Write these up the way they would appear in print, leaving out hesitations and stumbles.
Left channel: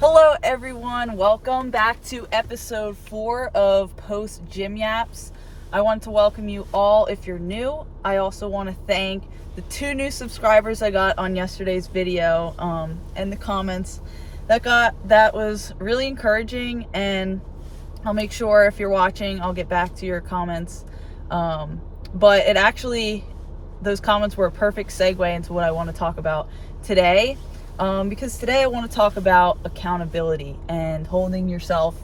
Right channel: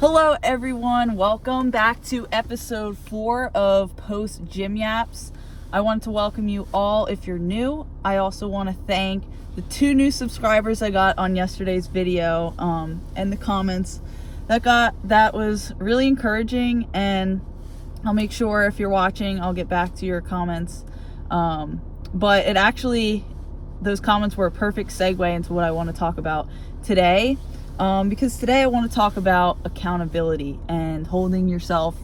Hello everyone, welcome back to episode 4 of Post Gym Yaps. I want to welcome you all if you're new. I also want to thank the 2 new subscribers I got on yesterday's video and the comments that was really encouraging, and I'll make sure if you're watching I'll get back to your comments. But those comments were a perfect segue into what I want to talk about today. Because today I want to talk about accountability and holding yourself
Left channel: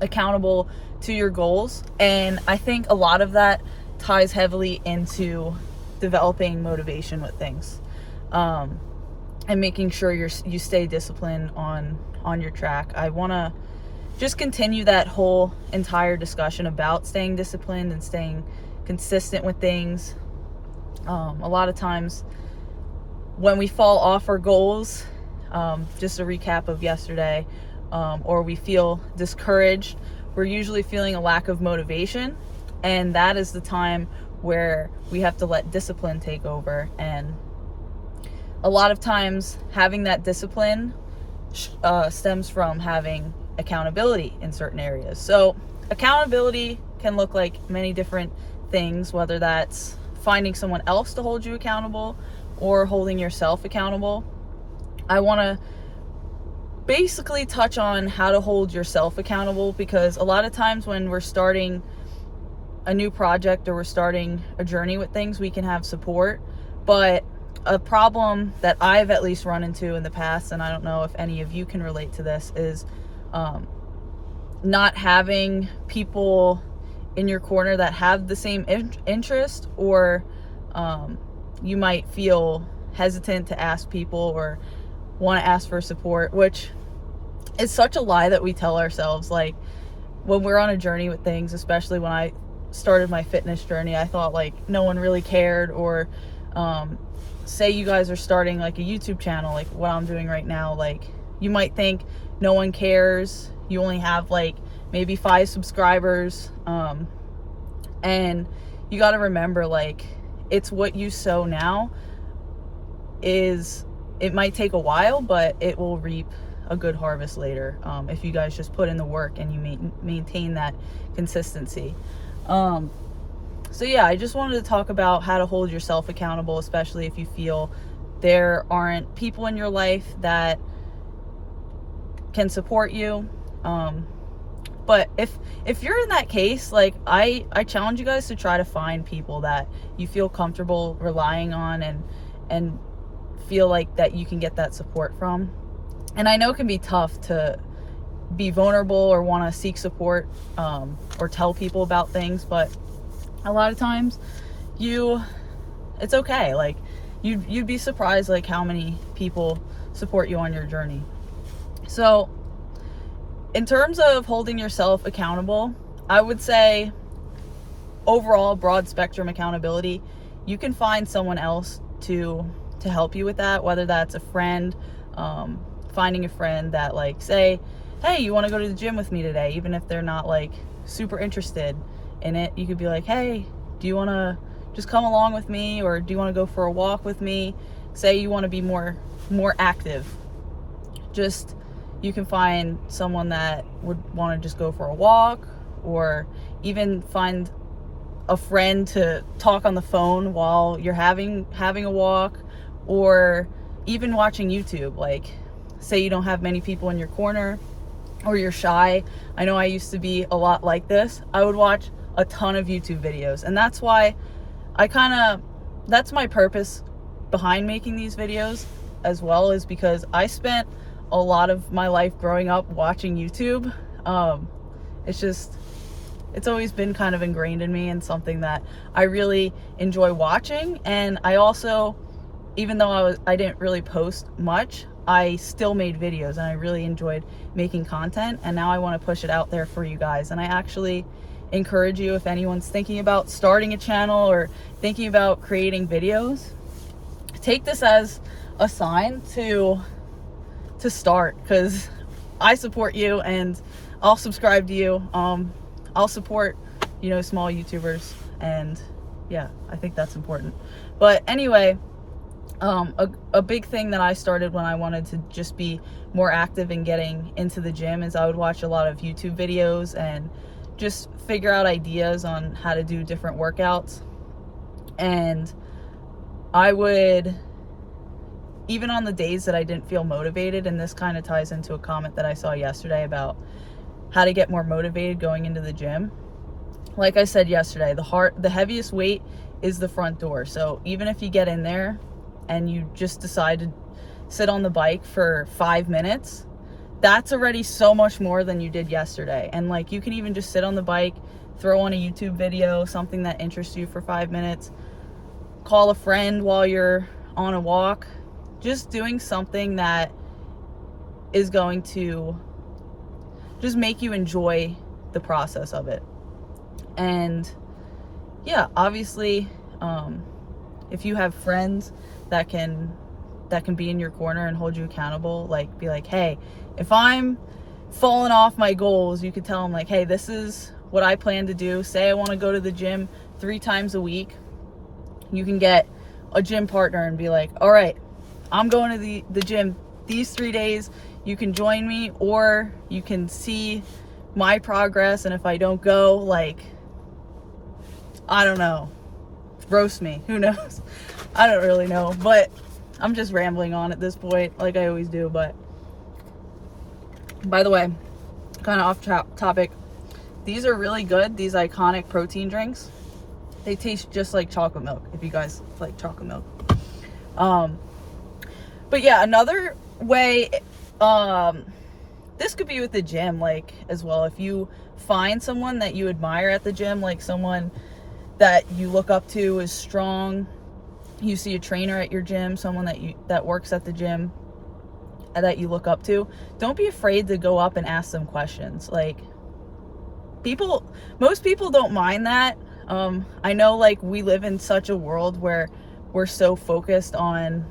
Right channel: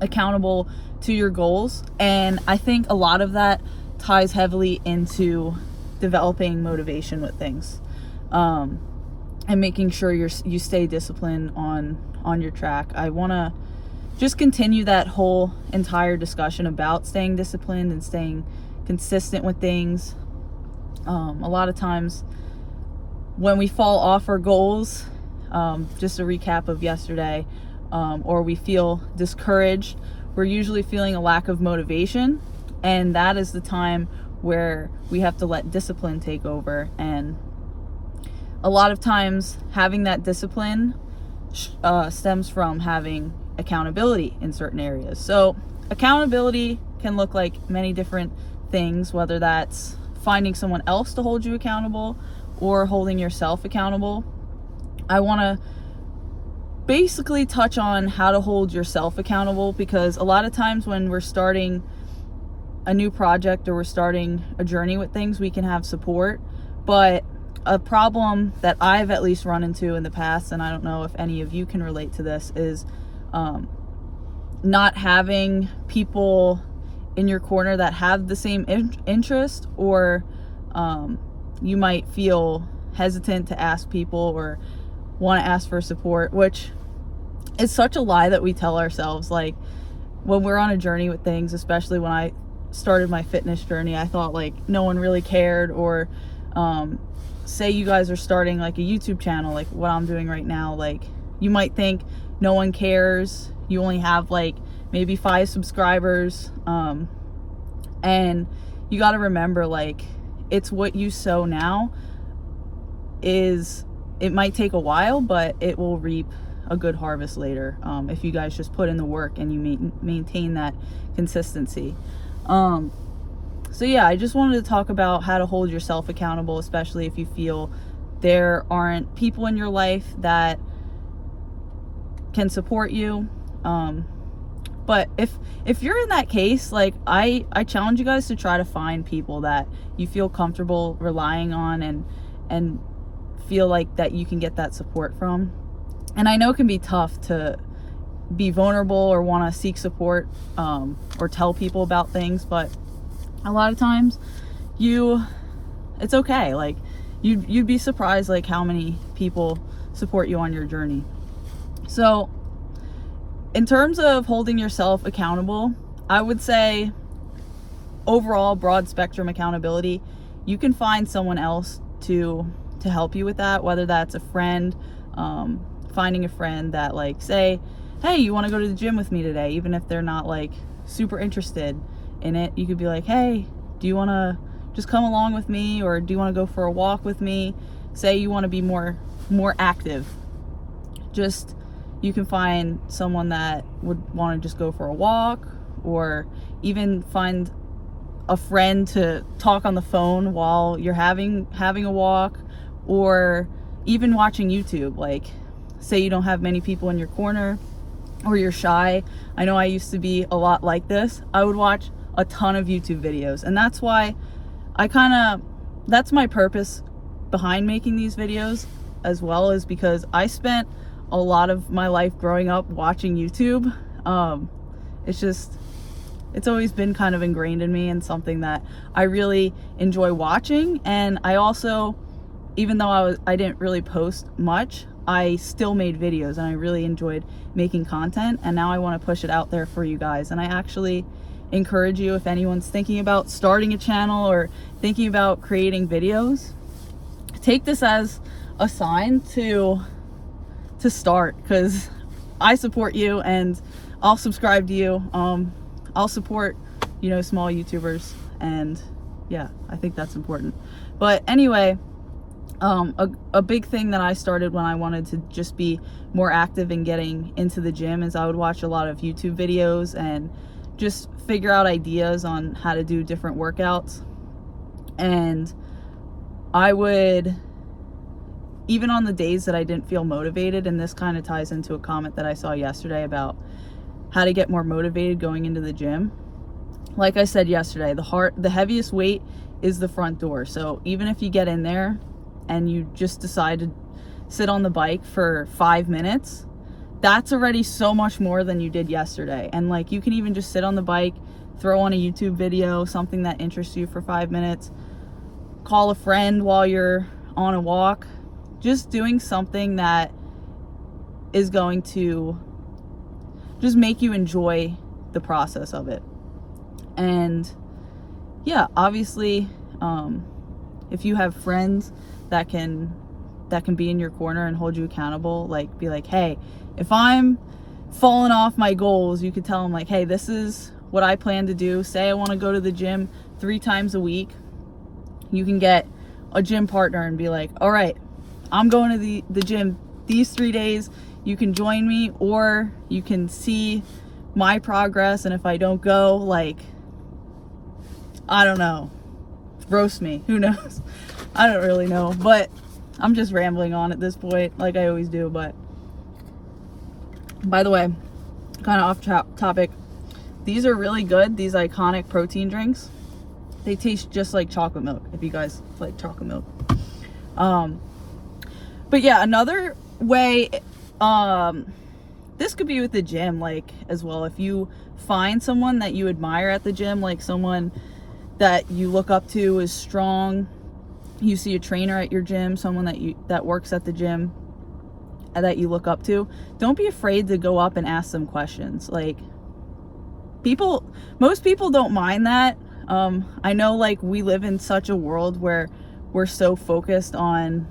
accountable to your goals. And I think a lot of that ties heavily into developing motivation with things, and making sure you stay disciplined on your track. I want to just continue that whole entire discussion about staying disciplined and staying consistent with things. A lot of times when we fall off our goals, just a recap of yesterday, or we feel discouraged, we're usually feeling a lack of motivation, and that is the time where we have to let discipline take over. And a lot of times having that discipline stems from having accountability in certain areas. So accountability can look like many different things, whether that's finding someone else to hold you accountable or holding yourself accountable. I want to basically touch on how to hold yourself accountable, because a lot of times when we're starting a new project or we're starting a journey with things, we can have support. But a problem that I've at least run into in the past, and I don't know if any of you can relate to this, is not having people in your corner that have the same interest, or you might feel hesitant to ask people or want to ask for support, which is such a lie that we tell ourselves. Like, when we're on a journey with things, especially when I started my fitness journey, I thought like no one really cared. Or say you guys are starting like a YouTube channel, like what I'm doing right now, like you might think no one cares. You only have like maybe 5 subscribers, and you got to remember, like, it's what you sow now. It might take a while, but it will reap a good harvest later, if you guys just put in the work and you maintain that consistency. So yeah, I just wanted to talk about how to hold yourself accountable, especially if you feel there aren't people in your life that can support you. But if you're in that case, like I challenge you guys to try to find people that you feel comfortable relying on and feel like that you can get that support from. And I know it can be tough to be vulnerable or want to seek support, or tell people about things, but a lot of times it's okay. Like you'd be surprised like how many people support you on your journey. So in terms of holding yourself accountable, I would say overall broad spectrum accountability, you can find someone else to help you with that, whether that's a friend, finding a friend that, like, say, hey, you want to go to the gym with me today, even if they're not like super interested in it. You could be like, hey, do you want to just come along with me, or do you want to go for a walk with me? Say you want to be more active, you can find someone that would want to just go for a walk, or even find a friend to talk on the phone while you're having a walk, or even watching YouTube. Like, say you don't have many people in your corner, or you're shy. I know I used to be a lot like this. I would watch a ton of YouTube videos, and that's why that's my purpose behind making these videos as well, is because I spent a lot of my life growing up watching YouTube. It's always been kind of ingrained in me, and something that I really enjoy watching. And I also, even though I didn't really post much, I still made videos, and I really enjoyed making content, and now I want to push it out there for you guys. And I actually encourage you, if anyone's thinking about starting a channel or thinking about creating videos, take this as a sign to start, because I support you and I'll subscribe to you. I'll support, small YouTubers, and yeah, I think that's important. But anyway, A big thing that I started when I wanted to just be more active in getting into the gym is I would watch a lot of YouTube videos and just figure out ideas on how to do different workouts. And I would, even on the days that I didn't feel motivated, and this kind of ties into a comment that I saw yesterday about how to get more motivated going into the gym. Like I said yesterday, the heaviest weight is the front door. So even if you get in there and you just decide to sit on the bike for 5 minutes, that's already so much more than you did yesterday. And like, you can even just sit on the bike, throw on a YouTube video, something that interests you for 5 minutes, call a friend while you're on a walk, just doing something that is going to just make you enjoy the process of it. And yeah, obviously, if you have friends that can be in your corner and hold you accountable, like be like, hey, if I'm falling off my goals, you could tell them like, hey, this is what I plan to do. Say I want to go to the gym 3 times a week. You can get a gym partner and be like, all right, I'm going to the gym these 3 days. You can join me, or you can see my progress. And if I don't go, like, I don't know, roast me, who knows? I don't really know, but I'm just rambling on at this point, like I always do. But by the way, kind of off topic, these are really good, these iconic protein drinks. They taste just like chocolate milk, if you guys like chocolate milk. But yeah, another way, this could be with the gym, like, as well. If you find someone that you admire at the gym, like someone that you look up to is strong, you see a trainer at your gym, someone that works at the gym that you look up to, don't be afraid to go up and ask them questions. Like, most people don't mind that. I know, like, we live in such a world where we're so focused on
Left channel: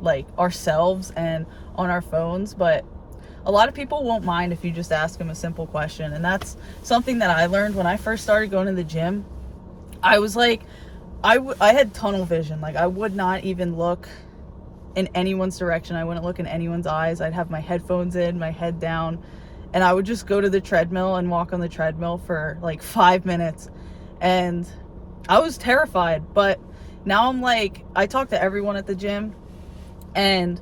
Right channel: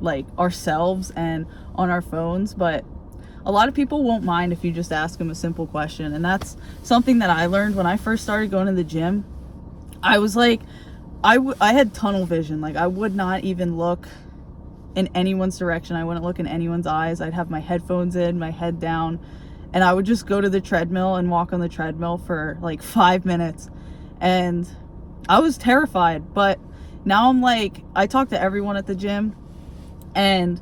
like ourselves and on our phones, but a lot of people won't mind if you just ask them a simple question. And that's something that I learned when I first started going to the gym. I was like, I had tunnel vision. Like, I would not even look in anyone's direction. I wouldn't look in anyone's eyes. I'd have my headphones in, my head down, and I would just go to the treadmill and walk on the treadmill for like 5 minutes. And I was terrified, but now I'm like, I talk to everyone at the gym, and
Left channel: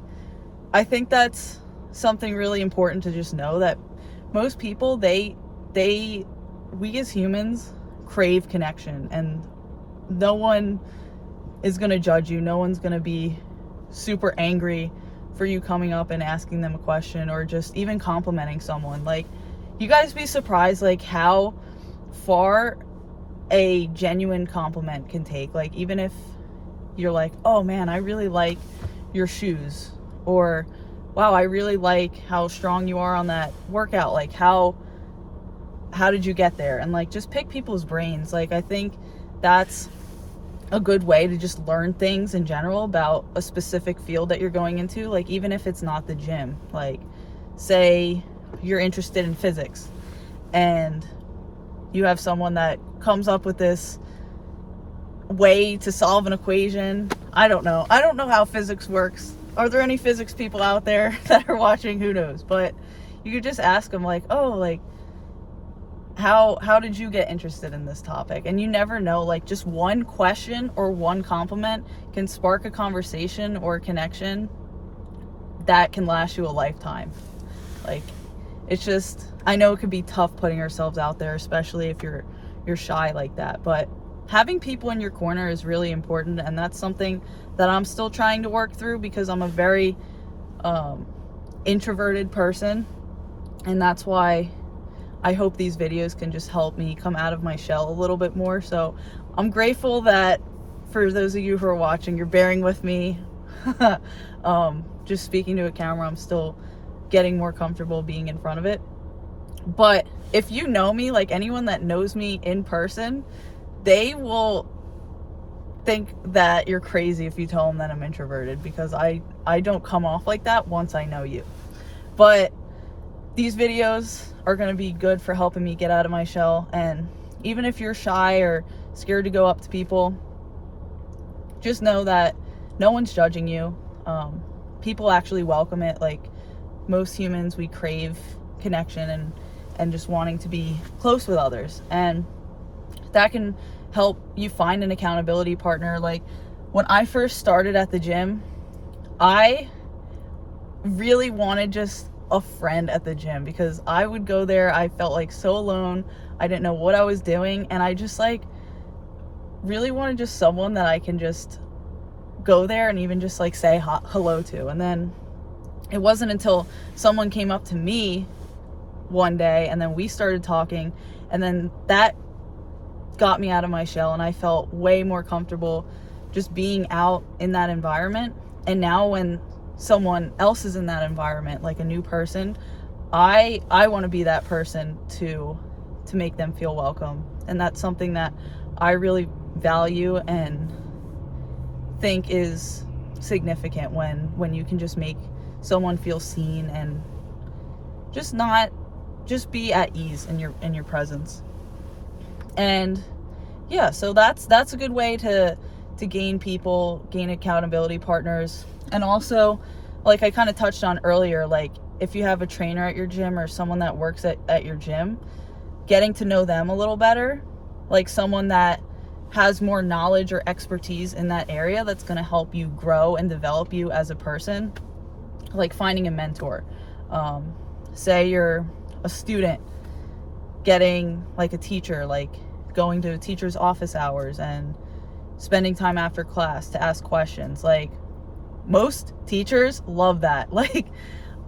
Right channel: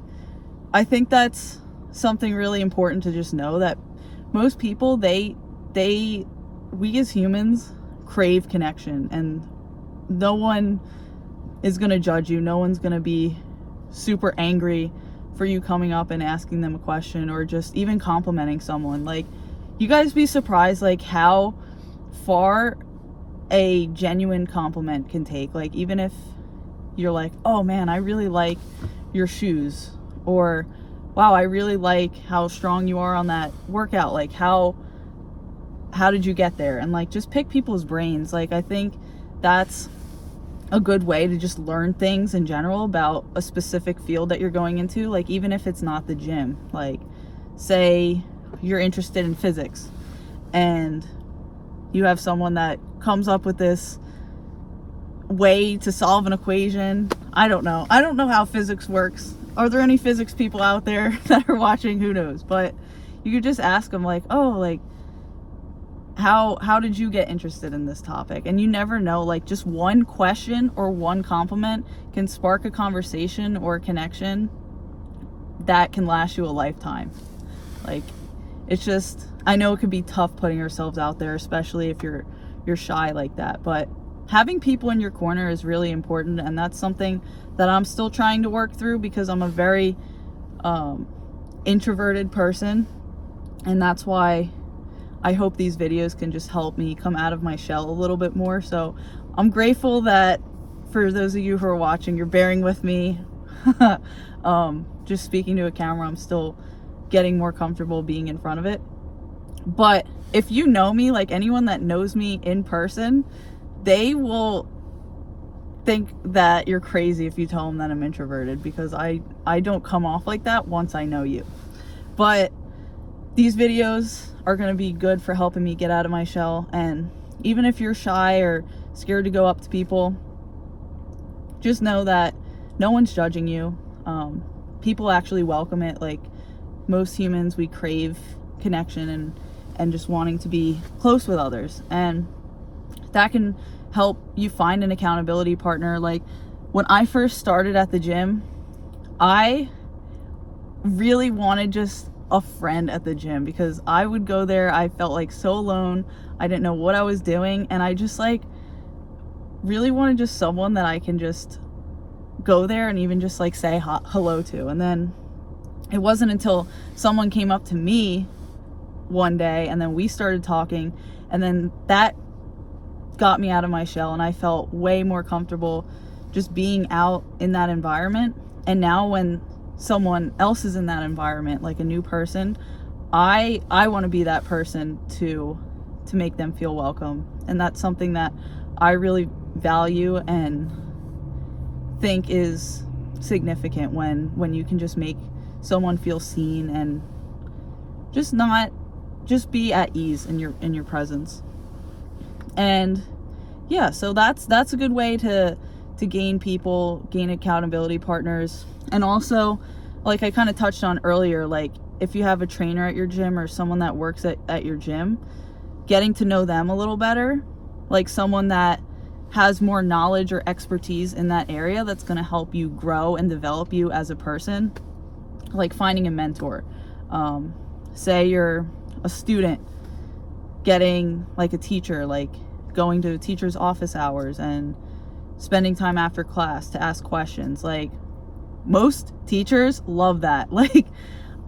I think that's something really important to just know, that most people, we as humans crave connection, and no one is going to judge you. No one's going to be super angry for you coming up and asking them a question, or just even complimenting someone. Like, you guys be surprised like how far a genuine compliment can take. Like, even if you're like, oh man, I really like your shoes, or wow, I really like how strong you are on that workout, like how did you get there? And like, just pick people's brains. Like, I think that's a good way to just learn things in general about a specific field that you're going into. Like, even if it's not the gym, like, say you're interested in physics and you have someone that comes up with this way to solve an equation. I don't know how physics works. Are there any physics people out there that are watching? Who knows? But you could just ask them like, oh, like, how did you get interested in this topic? And you never know, like, just one question or one compliment can spark a conversation or a connection that can last you a lifetime. Like, it's just, I know it could be tough putting ourselves out there, especially if you're shy like that, but having people in your corner is really important. And that's something that I'm still trying to work through, because I'm a very introverted person, and that's why I hope these videos can just help me come out of my shell a little bit more. So I'm grateful that for those of you who are watching, you're bearing with me. Just speaking to a camera, I'm still getting more comfortable being in front of it. But if you know me, like, anyone that knows me in person, they will think that you're crazy if you tell them that I'm introverted, because I don't come off like that once I know you. But these videos are going to be good for helping me get out of my shell. And even if you're shy or scared to go up to people, just know that no one's judging you. People actually welcome it. Like, most humans, we crave connection and just wanting to be close with others, and that can help you find an accountability partner. Like, when I first started at the gym, I really wanted just a friend at the gym, because I would go there, I felt like so alone, I didn't know what I was doing, and I just like really wanted just someone that I can just go there and even just like say hello to. And then it wasn't until someone came up to me one day and then we started talking, and then that got me out of my shell, and I felt way more comfortable just being out in that environment. And now when someone else is in that environment, like a new person, I want to be that person to make them feel welcome. And that's something that I really value and think is significant, when you can just make someone feel seen and just be at ease in your presence. And yeah, so that's a good way to gain accountability partners. And also, like I kind of touched on earlier, like if you have a trainer at your gym or someone that works at your gym, getting to know them a little better, like someone that has more knowledge or expertise in that area, that's going to help you grow and develop you as a person. Like finding a mentor. Say you're a student, getting like a teacher, like going to a teacher's office hours and spending time after class to ask questions. Like, most teachers love that. Like,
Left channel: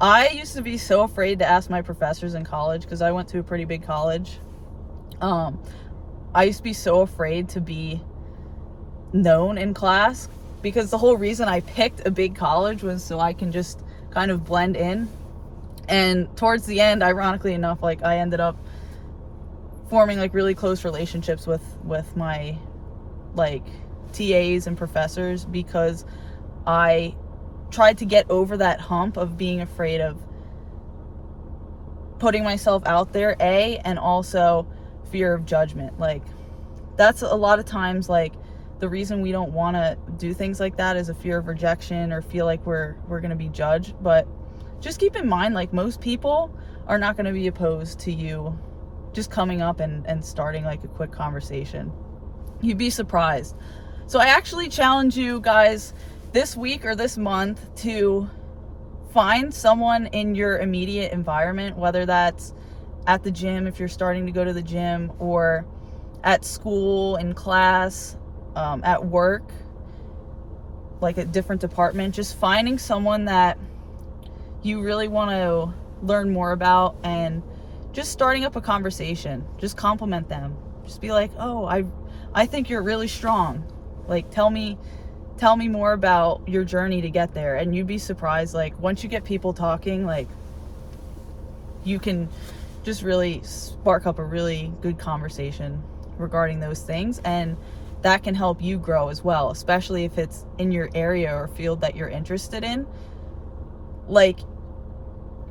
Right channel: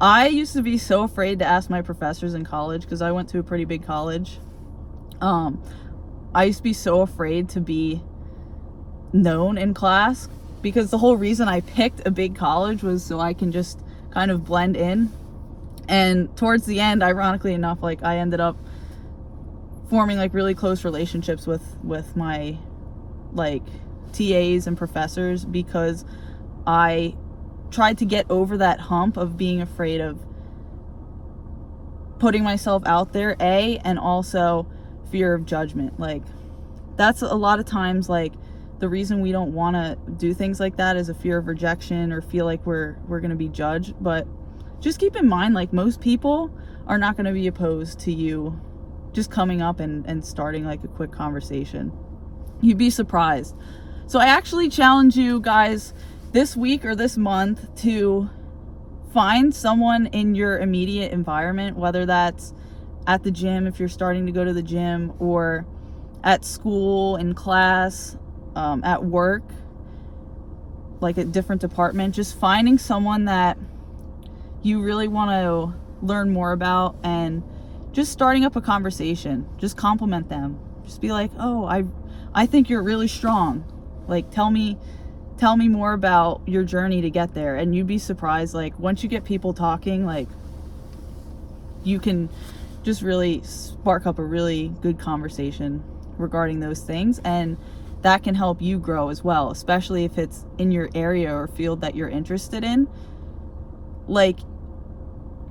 I used to be so afraid to ask my professors in college, because I went to a pretty big college. I used to be so afraid to be known in class, because the whole reason I picked a big college was so I can just kind of blend in. And towards the end, ironically enough, like I ended up forming like really close relationships with my like TAs and professors, because I tried to get over that hump of being afraid of putting myself out there, and also fear of judgment. Like, that's a lot of times like the reason we don't want to do things like that is a fear of rejection, or feel like we're going to be judged. But just keep in mind, like, most people are not going to be opposed to you just coming up and starting like a quick conversation. You'd be surprised. So I actually challenge you guys this week or this month to find someone in your immediate environment, whether that's at the gym if you're starting to go to the gym, or at school, in class, at work, like a different department. Just finding someone that you really want to learn more about, and just starting up a conversation. Just compliment them. Just be like, oh, I think you're really strong. Like, tell me more about your journey to get there. And you'd be surprised, like, once you get people talking, like, you can just really spark up a really good conversation regarding those things, and that can help you grow as well, especially if it's in your area or field that you're interested in. Like,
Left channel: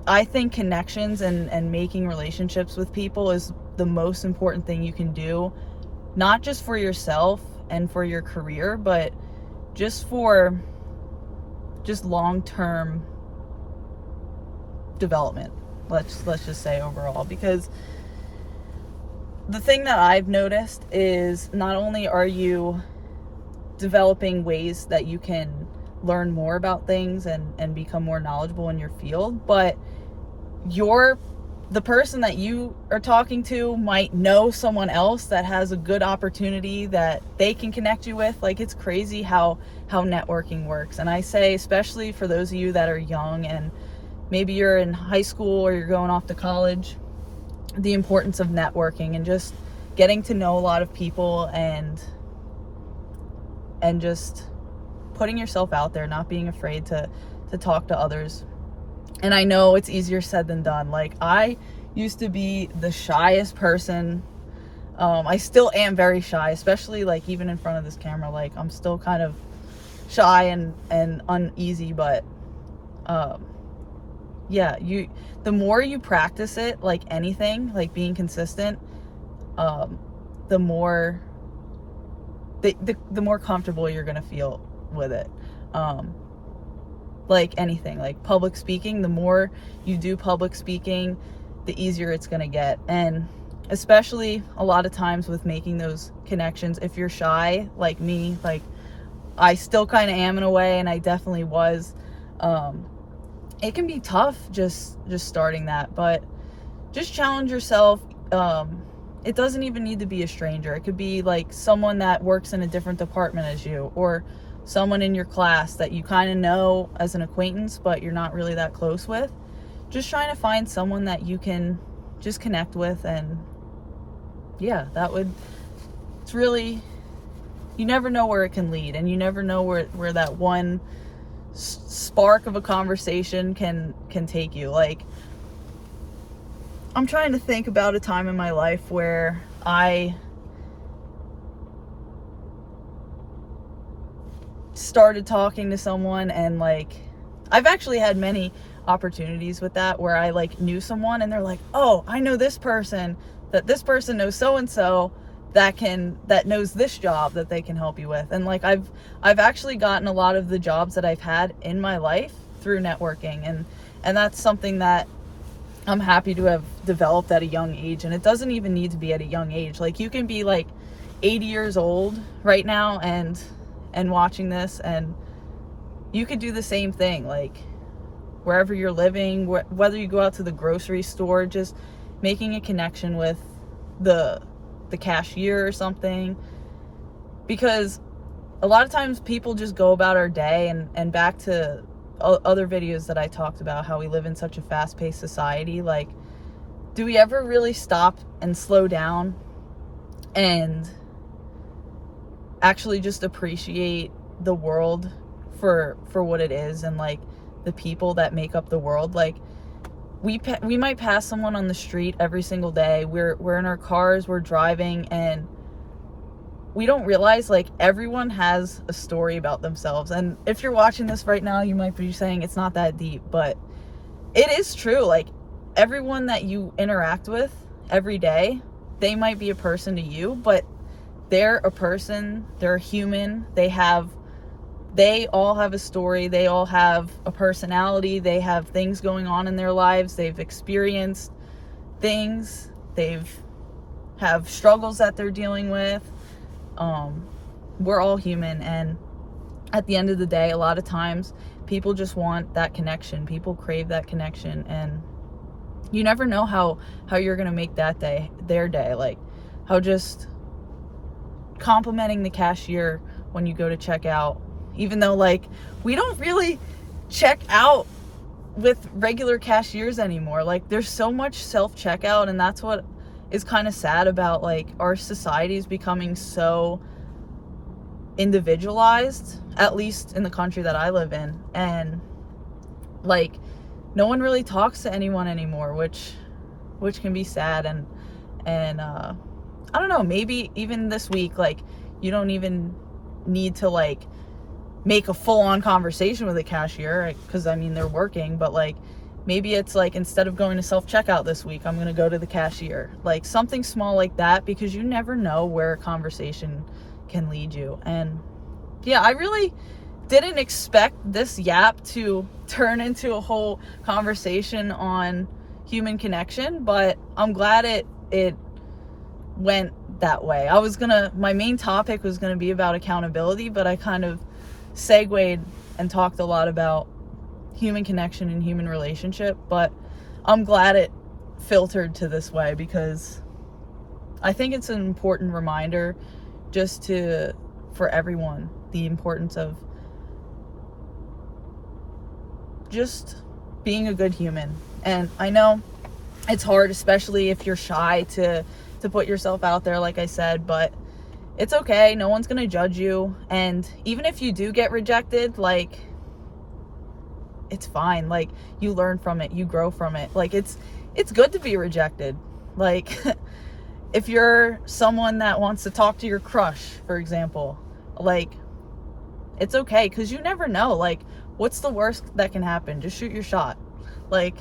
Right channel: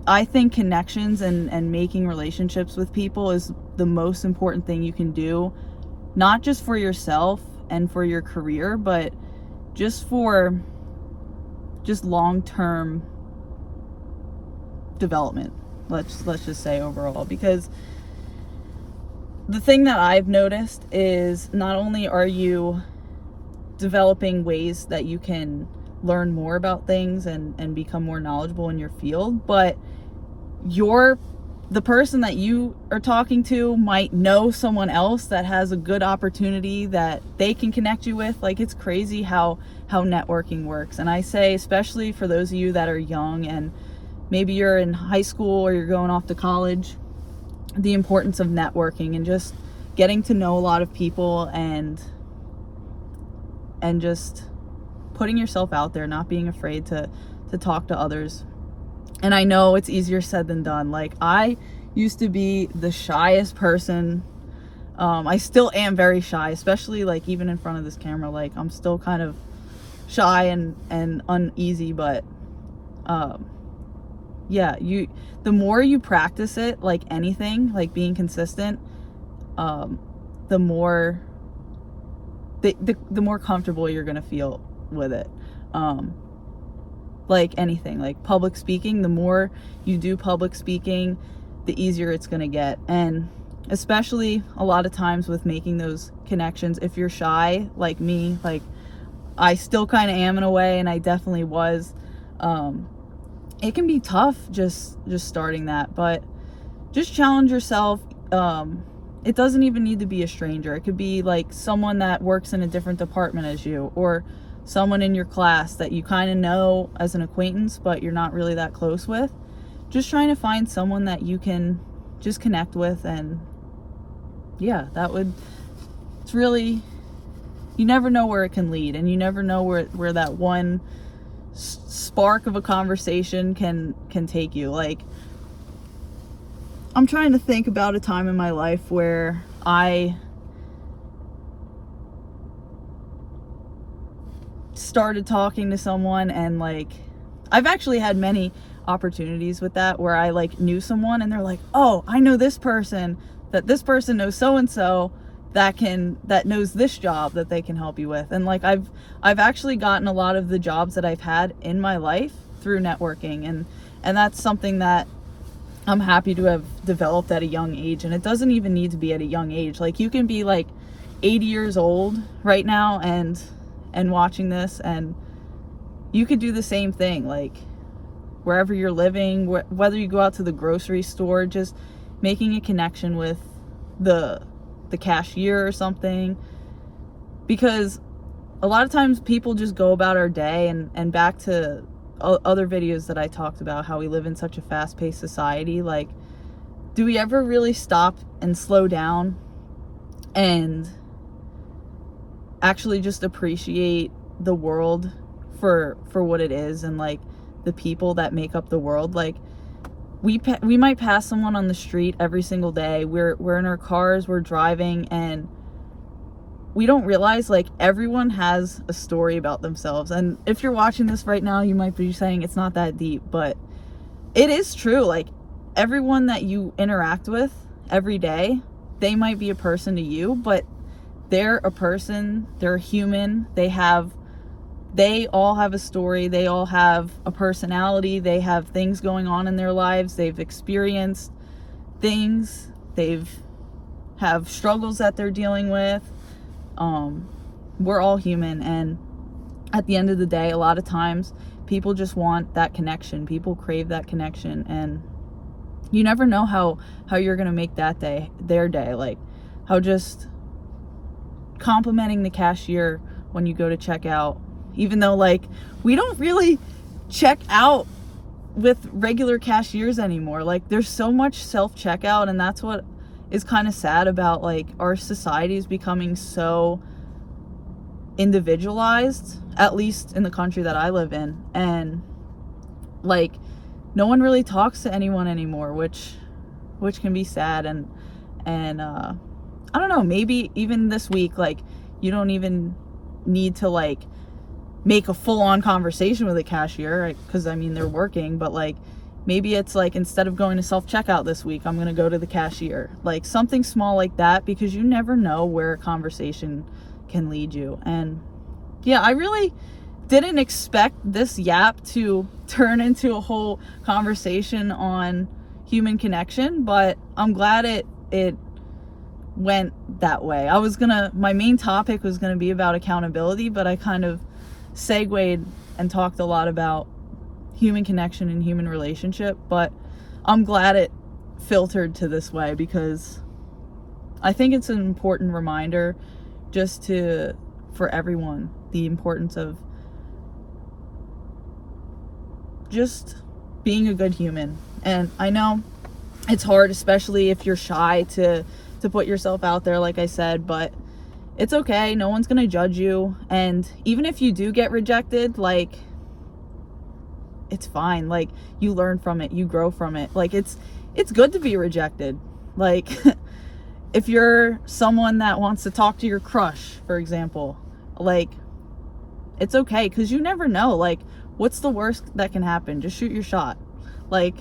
I think connections and making relationships with people is the most important thing you can do, not just for yourself and for your career, but just for long-term development. Let's just say overall, because the thing that I've noticed is not only are you developing ways that you can learn more about things and become more knowledgeable in your field, but the person that you are talking to might know someone else that has a good opportunity that they can connect you with. Like, it's crazy how networking works. And I say, especially for those of you that are young and maybe you're in high school or you're going off to college, the importance of networking and just getting to know a lot of people, and just putting yourself out there, not being afraid to talk to others. And I know it's easier said than done. Like, I used to be the shyest person. I still am very shy, especially like even in front of this camera. Like, I'm still kind of shy and uneasy, but yeah, the more you practice it, like anything, like being consistent, the more comfortable you're gonna feel with it. Like anything, like public speaking, the more you do public speaking, the easier it's going to get. And especially a lot of times with making those connections, if you're shy like me, like I still kind of am in a way, and I definitely was, it can be tough just starting that. But just challenge yourself. It doesn't even need to be a stranger. It could be like someone that works in a different department as you, or someone in your class that you kind of know as an acquaintance but you're not really that close with. Just trying to find someone that you can just connect with. And yeah, it's really, you never know where it can lead, and you never know where that one spark of a conversation can take you. Like, I'm trying to think about a time in my life where I started talking to someone, and like, I've actually had many opportunities with that, where I like knew someone and they're like, oh, I know this person, that this person knows so and so that knows this job that they can help you with. And like, I've actually gotten a lot of the jobs that I've had in my life through networking, and that's something that I'm happy to have developed at a young age. And it doesn't even need to be at a young age. Like, you can be like 80 years old right now and watching this, and you could do the same thing. Like, wherever you're living, whether you go out to the grocery store, just making a connection with the cashier or something. Because a lot of times people just go about our day, and back to other videos that I talked about, how we live in such a fast-paced society. Like, do we ever really stop and slow down and actually just appreciate the world for what it is, and like the people that make up the world? Like, we might pass someone on the street every single day. We're in our cars, we're driving, and we don't realize like everyone has a story about themselves. And if you're watching this right now, you might be saying it's not that deep, but it is true. Like, everyone that you interact with every day, they might be a person to you, but they're a person, they're a human, they all have a story, they all have a personality, they have things going on in their lives, they've experienced things, have struggles that they're dealing with. We're all human, and at the end of the day, a lot of times people just want that connection. People crave that connection, and you never know how you're gonna make that day their day. Like, how just complimenting the cashier when you go to check out, even though like we don't really check out with regular cashiers anymore. Like, there's so much self-checkout, and that's what is kind of sad about like our society is becoming so individualized, at least in the country that I live in. And like, no one really talks to anyone anymore, which can be sad. And I don't know, maybe even this week, like, you don't even need to like make a full-on conversation with a cashier, because I mean, they're working. But like, maybe it's like, instead of going to self-checkout this week, I'm gonna go to the cashier. Like, something small like that, because you never know where a conversation can lead you. And yeah, I really didn't expect this yap to turn into a whole conversation on human connection, but I'm glad it went that way. My main topic was gonna be about accountability, but I kind of segued and talked a lot about human connection and human relationship. But I'm glad it filtered to this way, because I think it's an important reminder just for everyone, the importance of just being a good human. And I know it's hard, especially if you're shy, to put yourself out there, like I said, but it's okay. No one's gonna judge you. And even if you do get rejected, like, it's fine. Like, you learn from it, you grow from it. Like, it's good to be rejected. Like, if you're someone that wants to talk to your crush, for example, like, it's okay, because you never know. Like, what's the worst that can happen? Just shoot your shot. Like,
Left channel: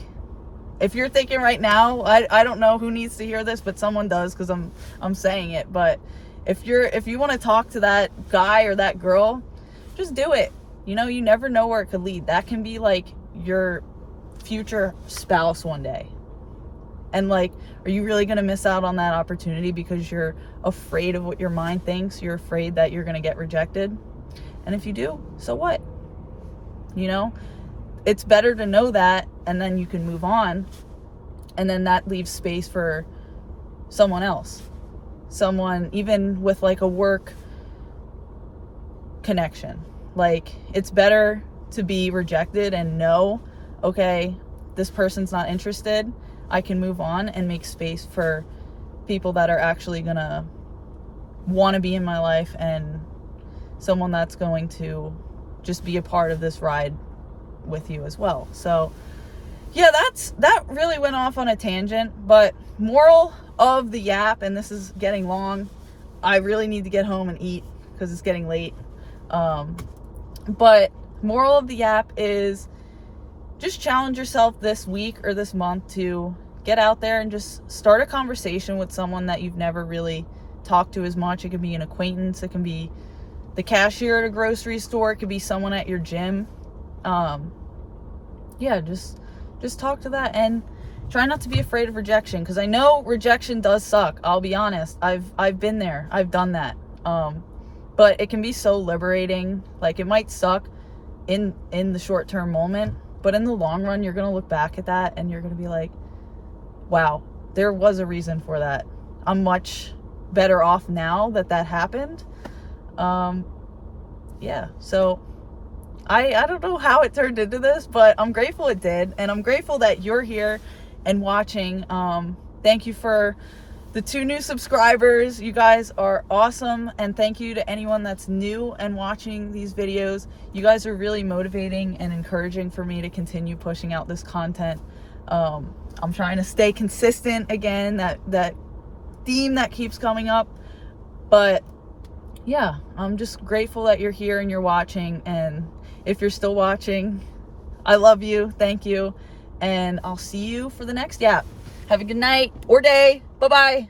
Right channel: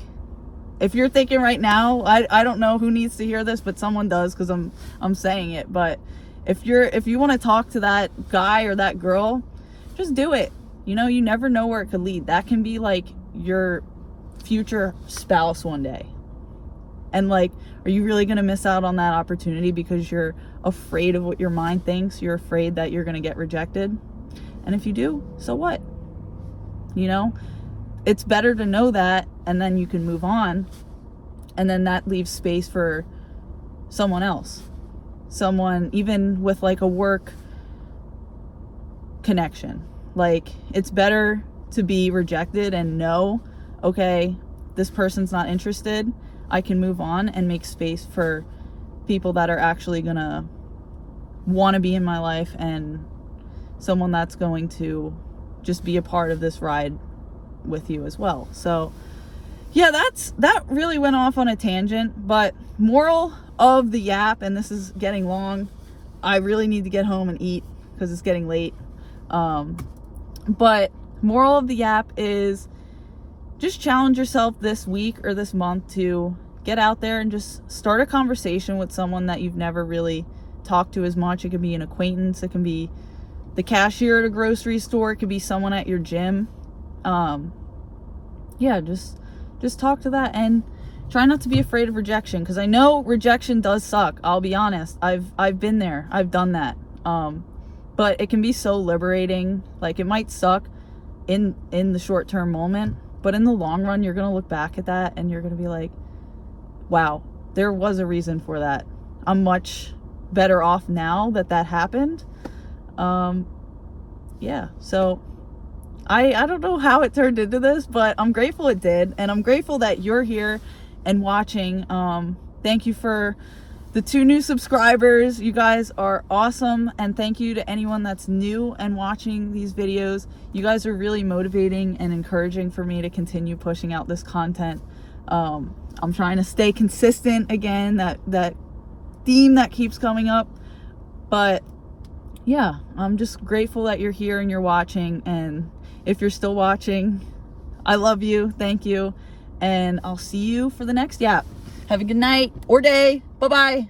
if you're thinking right now, I don't know who needs to hear this, but someone does, because I'm saying it. But if you want to talk to that guy or that girl, just do it. You know, you never know where it could lead. That can be like your future spouse one day. And like, are you really going to miss out on that opportunity because you're afraid of what your mind thinks? You're afraid that you're going to get rejected? And if you do, so what? You know, it's better to know that, and then you can move on. And then that leaves space for someone else. Someone, even with like a work connection. Like, it's better to be rejected and know, okay, this person's not interested. I can move on and make space for people that are actually gonna want to be in my life, and someone that's going to just be a part of this ride with you as well. So yeah, that really went off on a tangent, but moral of the yap, and this is getting long, I really need to get home and eat because it's getting late. But moral of the yap is just challenge yourself this week or this month to get out there and just start a conversation with someone that you've never really talked to as much. It could be an acquaintance, it can be the cashier at a grocery store, it could be someone at your gym. Yeah, just talk to that, and try not to be afraid of rejection, because I know rejection does suck. I'll be honest. I've been there. I've done that. But it can be so liberating. Like, it might suck in the short-term moment, but in the long run, you're going to look back at that and you're going to be like, wow, there was a reason for that. I'm much better off now that happened. Yeah, so I don't know how it turned into this, but I'm grateful it did, and I'm grateful that you're here and watching. Thank you for the 2 new subscribers. You guys are awesome, and thank you to anyone that's new and watching these videos. You guys are really motivating and encouraging for me to continue pushing out this content. I'm trying to stay consistent again, that theme that keeps coming up, but yeah, I'm just grateful that you're here and you're watching, and if you're still watching, I love you, thank you, and I'll see you for the next yap. Have a good night or day. Bye-bye.